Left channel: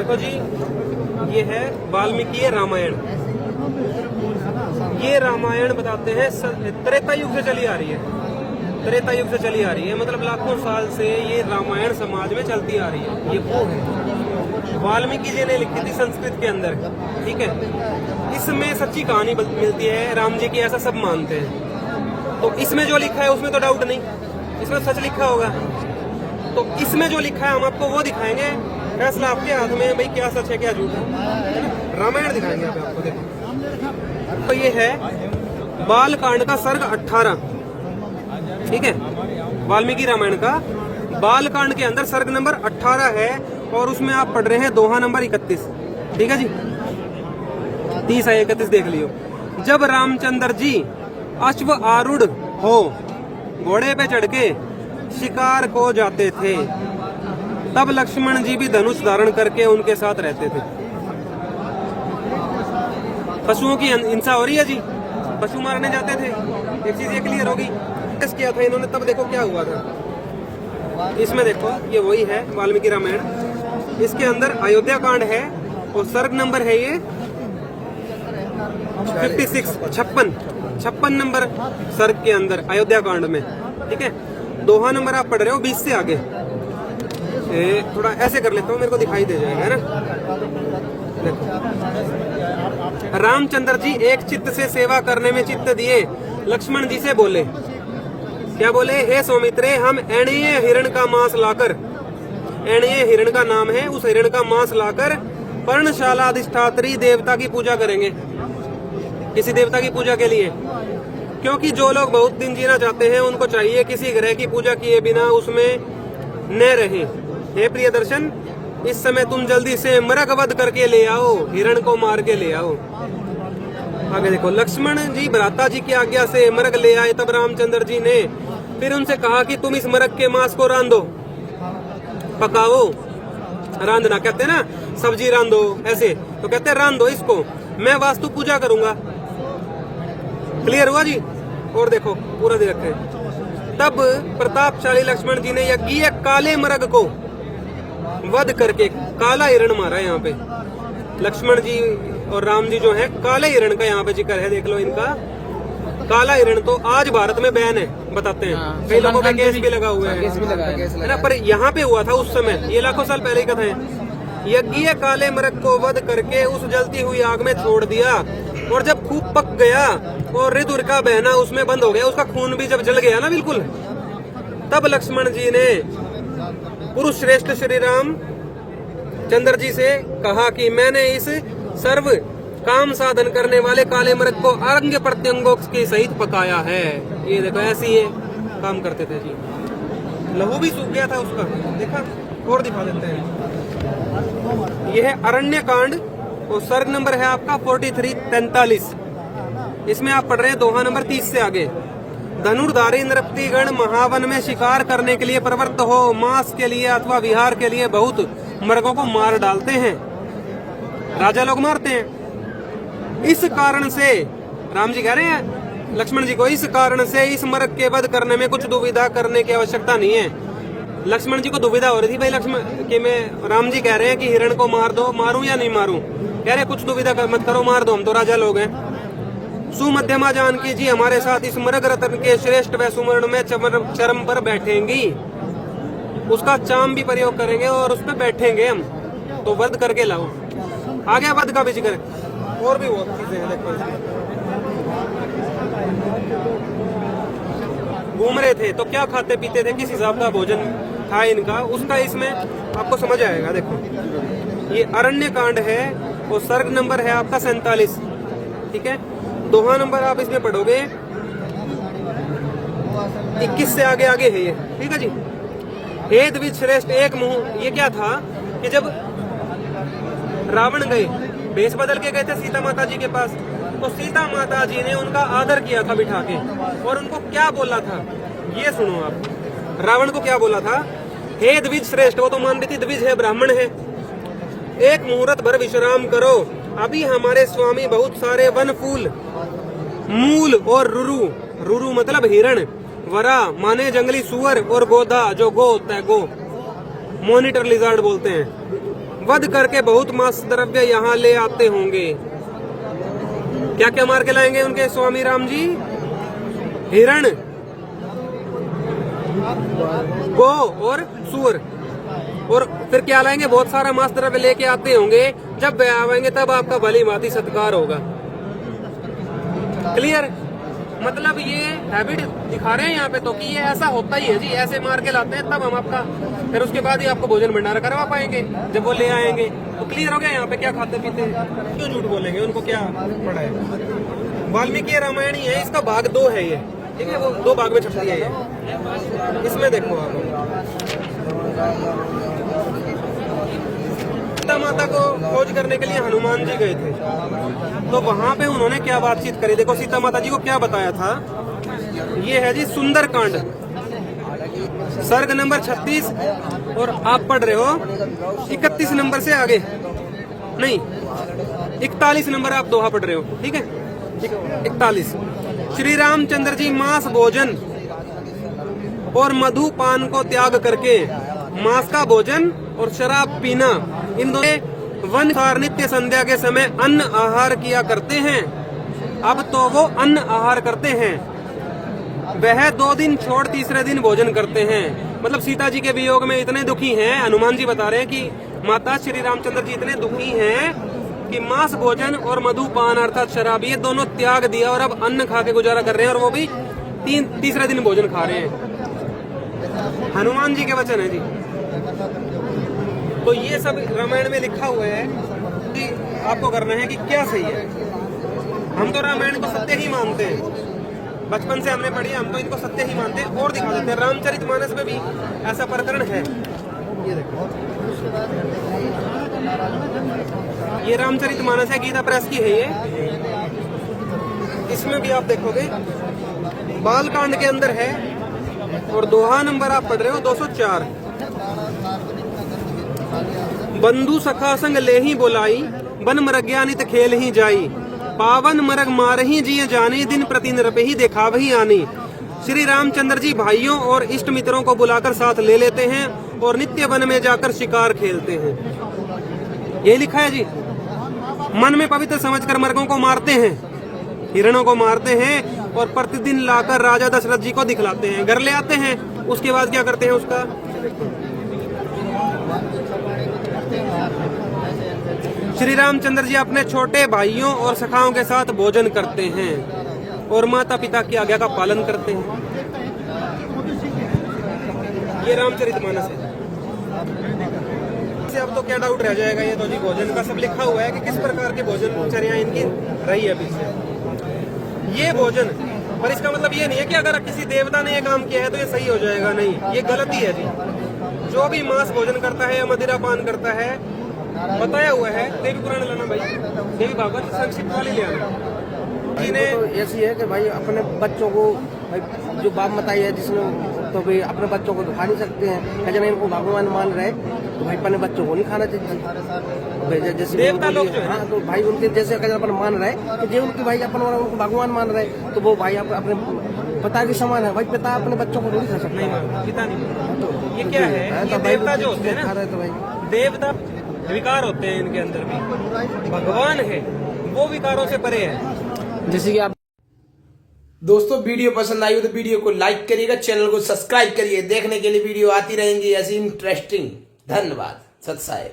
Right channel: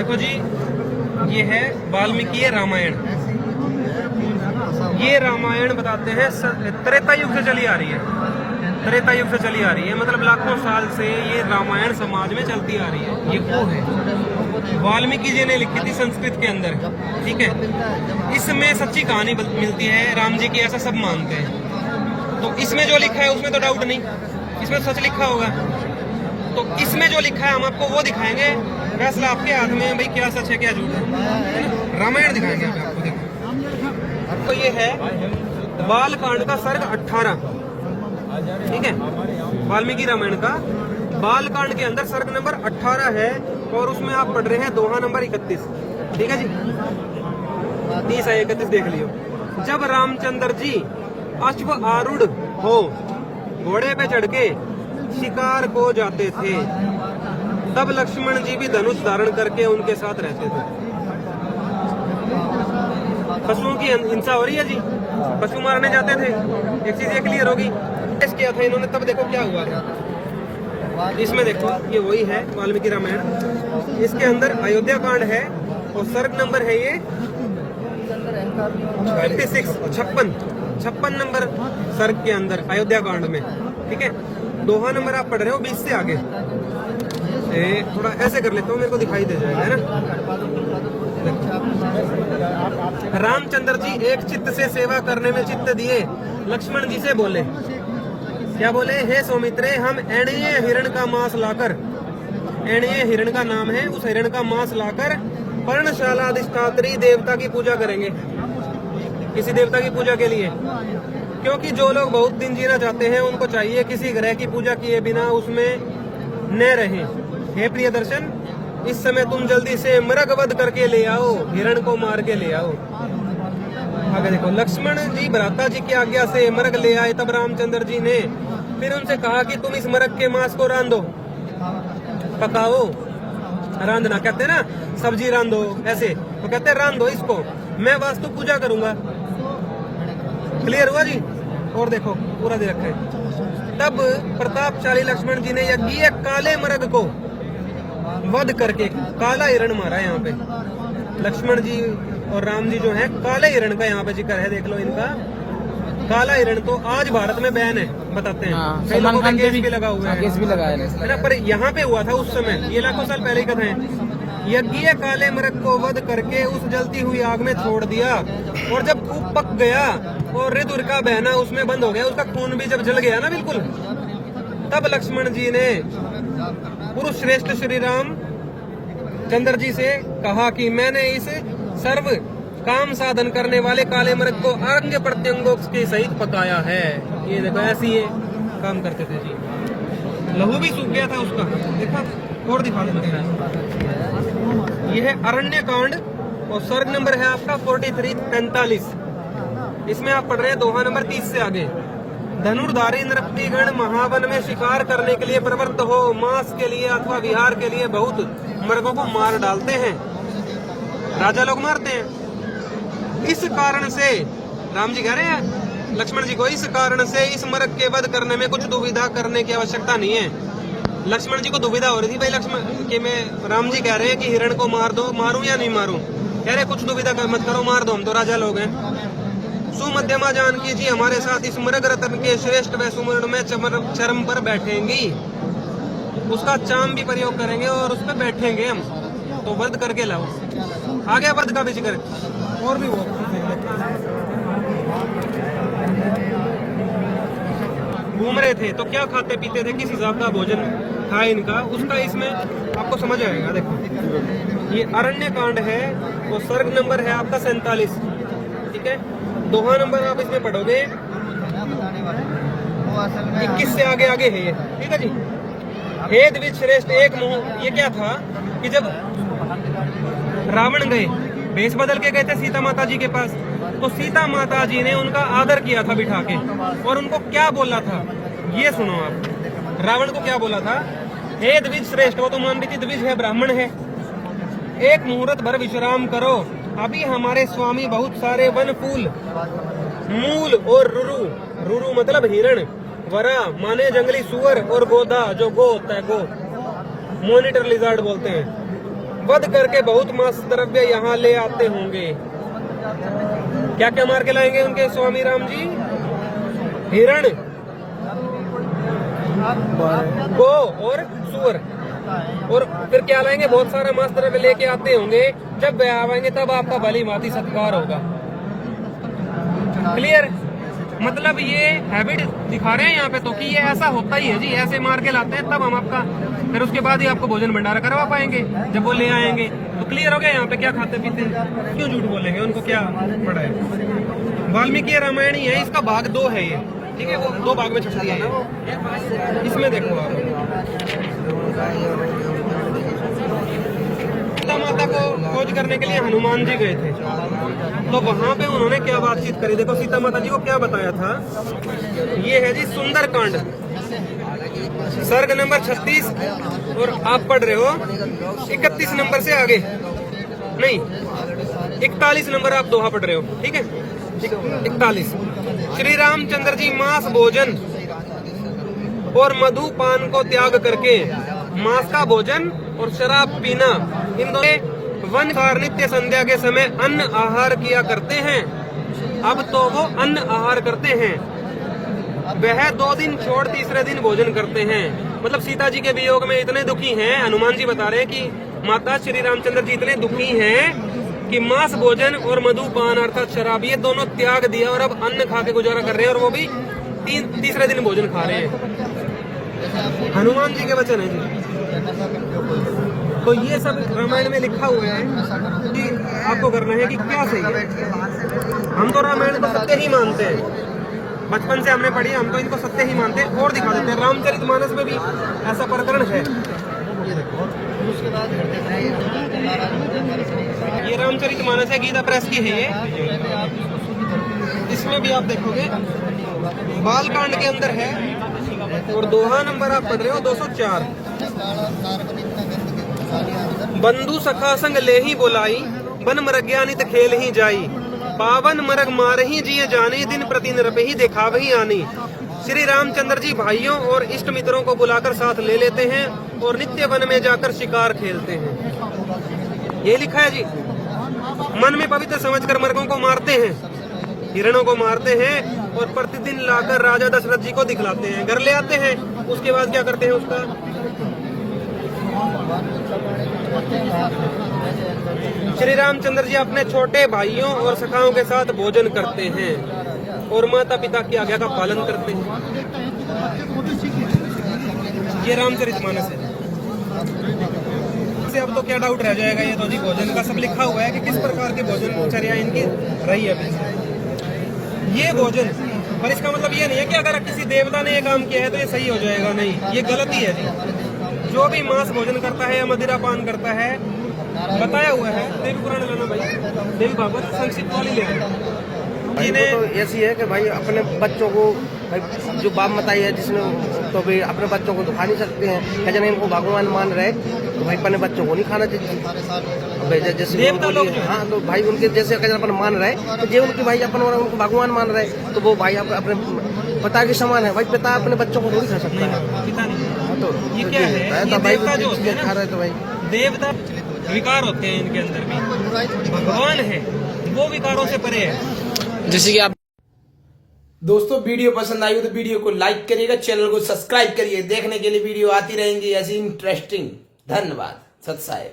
देखो जी, ये है वाल्मीकि रामायण। ये रामायण बताते हैं त्रेता युग से चली आ रही है। त्रेता युग से चली आ रही है, मतलब लाखों साल से ये रामायण समाज में चलती आ रही है। ये वो है वाल्मीकि जी ने लिखी थी संस्कृत के अंदर, ठीक है। इसमें सच्ची कहानी मिलती है राम जी की, ऐसा सब मानते हैं। तो इसमें जो लिखा है उसमें तो डाउट नहीं, इसमें सच लिखा होगा। तो इसमें जो लिखा है हम आपको वो दिखाएंगे, फैसला आपके हाथ में, भाई क्या सच है क्या झूठ है ना। रामायण दिखाएंगे आपको, देखो। तो ये है बाल कांड का सर्ग 18, ठीक है। वाल्मीकि रामायण का बाल कांड के अंदर सर्ग नंबर 18 है, और उसमें आप पढ़ रहे हैं दोहा नंबर 31, ठीक है जी। 30 है 31 देख लियो। जब रामचंद्र जी अश्व आरूढ़ हो घोड़े पे चढ़ के शिकार को जाते थे, तब लक्ष्मण जी भी धनुष धारण करके उनके साथ रहते थे। पशुओं की हिंसा हो रही है जी, पशु मारने जाते थे। एक चीज ये क्लियर होगी, टेस्ट किया था इन्होंने, तब देखो क्या हुआ था। इसमें देखो ये वही है वाल्मीकि रामायण। इसके अंदर अयोध्या कांड है, और सर्ग नंबर है ये 56, 56 नंबर सर्ग के अंदर अयोध्या कांड में, ठीक है। दोहा नंबर आप पढ़ रहे हो 20 से आगे। थोड़ा ऐसे कर लेता हूँ, मेरे को दिखाई दे जाएगा, है ना। रामचंद्र जी एक चित्त से सेवा करने में चित्त दिए, लक्ष्मण जी से बोले, क्या बोले? हे सौमित्रे, हम एणीय हिरण का मांस लाकर, एणीय हिरण का नाम है, उस हिरण का मांस लाकर पर्णशाला अधिष्ठात्री देवता की पूजा करेंगे। किसी देवता की पूजा के लिए, क्योंकि जो लोग बहुत दिन जीना चाहते हैं उनको चाहिए किसी ग्रह की पूजा किए बिना उसमें न रहे। हे प्रिय दर्शन, इस समय तुम जल्दी से मृग वध करके ले आओ, हिरण को मार के ले आओ। आगे देखो, लक्ष्मण जी भ्राता जी की आज्ञा से मृग ले आए। तब रामचंद्र जी ने फिर उनसे कहा कि तुम इस मृग के मांस को रांधो, पकाओ। रांधना कहते हैं ना, सब्जी रांधो ऐसे, तो कहते हैं रांधो इसको, मैं वास्तु पूजा करूंगा। क्लियर हुआ जी? और देखो पूरा दे रखे। तब प्रतापशाली लक्ष्मण जी ने यज्ञ काले मृग को वध करके काला हिरण मारा। यहाँ पे लक्ष्मण जी और राम जी जो है, काले हिरण का यहाँ पे जिक्र है, देख लो इनका। काला हिरण तो आज भारत में बैन है, बताते हैं। कई लोगों का केस भी लगा हुआ है, पर यहाँ पे हुआ था उस समय, ये लाखों साल पहले की कथा है। यज्ञ काले मृग को वध करके उस जलती हुई आग में छोड़ दिया, और जब खूब पक गया और ऋतुर का बहना उसमें बंद हो गया, उसका खून भी जब जल गया ना बिल्कुल, तब लक्ष्मण जी ने पुरुष श्रेष्ठ श्री राम चंद्र जी से कहा कि मैंने इस सर्व काम साधन करने वाले काले मृग को अंग प्रत्यंगों के सहित पकाया है। ये देखो, ऐसे ही काम करते थे जी। लहू भी सूख गया था उसका, देखा। और दिखा देते हैं, यह है अरण्य कांड, और सर्ग नंबर है आपका 43-43। इसमें आप पढ़ रहे हैं दोहा नंबर 30 से आगे। धनुर्धारी नृत्यगण महावन में शिकार करने के लिए प्रवृत्त हो, मांस के लिए अथवा विहार के लिए बहुत मृगों को मार डालते हैं, राजा लोग मारते हैं। इस कारण से राम जी कह रहे हैं लक्ष्मण जी को, इस कारण से इस मृग के वध करने में कुछ दुविधा करने की आवश्यकता नहीं है। लक्ष्मण जी को दुविधा हो रही थी, भाई लक्ष्मण कि मैं, राम जी कह रहे हैं कि हिरण को मार दो, मारूं या नहीं मारूं? कह रहे कुछ दुविधा मत करो, मार दो, हम तो राजा लोग हैं। सुमध्यमा जानकी जी हमारे साथ इस मृग रत्न के श्रेष्ठ व सुवर्ण में चरम पर बैठेंगी, उसका चाम भी प्रयोग करेंगे और उस पर बैठेंगे हम, तो वध करके लाओ। आगे वध का भी जिक्र, और भी बहुत चीजें घूम रहे थे तो क्या खाते पीते थे, किस हिसाब का भोजन था इनका, उसका इसमें आपको समझ आएगा। देखो, ये अरण्य कांड है, वो सर्ग नंबर है आपका 47, ठीक है। दोहा नंबर आप इसमें पढ़ोगे 21 से आगे आगे है ये, ठीक है जी। हे द्विज श्रेष्ठ एक मुंह, ये क्या था कि जब रावण गए, भेष बदल के गए थे सीता माता जी के पास, तो सीता माता जी ने उनका आदर किया था बिठा के, और उनको क्या बोला था ये सुनो आप। रावण को क्या बोला था? हे द्विज श्रेष्ठ, वो तो मान रही थी द्विज है, ब्राह्मण है, एक मुहूर्त भर विश्राम करो, अभी हमारे स्वामी बहुत सारे वन फूल, मूल और रुरु, रुरु मतलब हिरण, वरा माने जंगली सुअर, और गोदा जो गो होता है, गो मॉनिटर लिजार्ड बोलते हैं, वध करके बहुत मांस द्रव्य यहाँ ले आते होंगे। क्या क्या मार के लाएंगे उनके स्वामी राम जी? हिरण, गो और सूअर। और फिर क्या लाएंगे? बहुत सारा मांस द्रव्य लेके आते होंगे। जब वे आएंगे तब आपका भली भांति सत्कार होगा। क्लियर? मतलब ये हैबिट दिखा रहे हैं यहाँ पे तो कि ये ऐसा होता ही है जी, ऐसे मार के लाते हैं तब हम आपका, फिर उसके बाद ही आपको भोजन भंडारा करवा पाएंगे जब वो ले आएंगे। तो क्लियर हो गया यहाँ पे क्या खाते पीते हैं, क्यों झूठ बोलेंगे, उनको क्या पड़ा है। वाल्मीकि रामायण ही है, इसका भाग 2 है ये, ठीक है, वो 2 भाग में छुट्टी है ये। इसमें देखो सीता माता को खोज करने के लिए हनुमान जी गए थे, तो वहां पे उन्होंने क्या बातचीत करी। देखो सीता माता जी को क्या बताया था। ये है जी सुंदरकांड, सर्ग नंबर 36, और आप पढ़ रहे हो 31 नंबर से आगे, नहीं 41 नंबर आप दोहा पढ़ रहे हो, ठीक है, 41। श्री रामचंद्र जी मांस भोजन और मधुपान को त्याग करके मांस का भोजन और शराब पीना, इन दोनों वन और नित्य संध्या के समय अन्न आहार किया करते हैं। अब तो वो अन्न आहार करते हैं, वह 2 दिन छोड़ तीसरे दिन भोजन करते हैं। मतलब सीता जी के वियोग में इतने दुखी हैं, हनुमान जी बता रहे हैं कि माता श्री रामचंद्र जी इतने दुखी हैं कि मांस भोजन और मधुपान अर्थात शराब ये दोनों त्याग दिया और अब अन्न खा के गुजारा कर रहे हैं, और वो भी तीसरे दिन भोजन खा रहे हैं। हनुमान जी के वचन है जी। तो ये सब रामायण में लिखा हुआ है कि आपको करना है कि क्या सही है। हम तो रामायण को सत्य ही मानते हैं, बचपन से हमने पढ़ी, हम तो इनको सत्य ही मानते हैं और दिखा देते हैं। रामचरितमानस में भी ऐसा प्रकरण है। ये रामचरितमानस है, गीता प्रेस की है ये। इसमें भी आप देखोगे बालकांड के अंदर है, और दोहा नंबर आप पढ़ रहे हो 204। बंधु सखा संग ले ही बोलाई, बन मरग्या नित खेल ही जाई, पावन मरग मार ही जिये जानी, दिन प्रति नृपे ही देखा वही आनी। श्री रामचंद्र जी भाइयों और इष्ट मित्रों को बुलाकर साथ ले लेते हैं और नित्य वन में जाकर शिकार खेलते हैं। ये लिखा है जी। मन में पवित्र समझकर मर्गों को मारते हैं, हिरणों को मारते हैं और प्रतिदिन लाकर राजा दशरथ जी को दिखलाते हैं, घर ले आते हैं। उसके बाद क्या करते हैं उसका? श्री रामचंद्र जी अपने छोटे भाइयों और सखाओं के साथ भोजन करते हैं और माता पिता की आज्ञा का पालन करते हैं। ये रामचरितमानस है। अब तो क्या डाउट रह जाएगा, ये तो जी भोजन का सब लिखा हुआ है कि किस प्रकार के भोजनचर्या इनकी रही है पीछे। ये भोजन, पर इसका मतलब ये नहीं है कि अगर किसी देवता ने ये काम किया है तो ये सही हो जाएगा, नहीं, ये गलती है जी। जो भी मांस भोजन करता है या मदिरा पान करता है, बताया हुआ है, देवी पुराण लाना भाई, देवी भागवत संक्षिप्त वाली ले आना। तो ऐसी है कि भाई अपने बच्चों को, भाई जो बाप बताई है जिसने, तो भाई अपने बच्चों को दुखा नहीं सकते हैं। जब इनको भगवान मान रहे तो भाई अपने बच्चों को नहीं खाना चाहिए। जैसे देवता लोग, हाँ, तो भाई उनके जैसे अगर अपन मान रहे तो जो उनकी भाई अपन उनको भगवान मान रहे तो वो भाई अपने पिता के समान है। भाई पिता अपने बच्चों को थोड़ी खा सकता है, पिता नहीं। तो ये क्या है, ये देवता जो होते हैं खा रहे तो भाई देवता विकार होते हैं इनके अंदर भी। भगवान है वो विकारों से परे है। जैसे कि आप दोस्तों वीडियो पसंद आई हो तो वीडियो को लाइक करिएगा, चैनल को सब्सक्राइब करिए। देखने के लिए वीडियो आती रहेंगी ऐसी इंटरेस्टिंग। धन्यवाद। सत साहेब।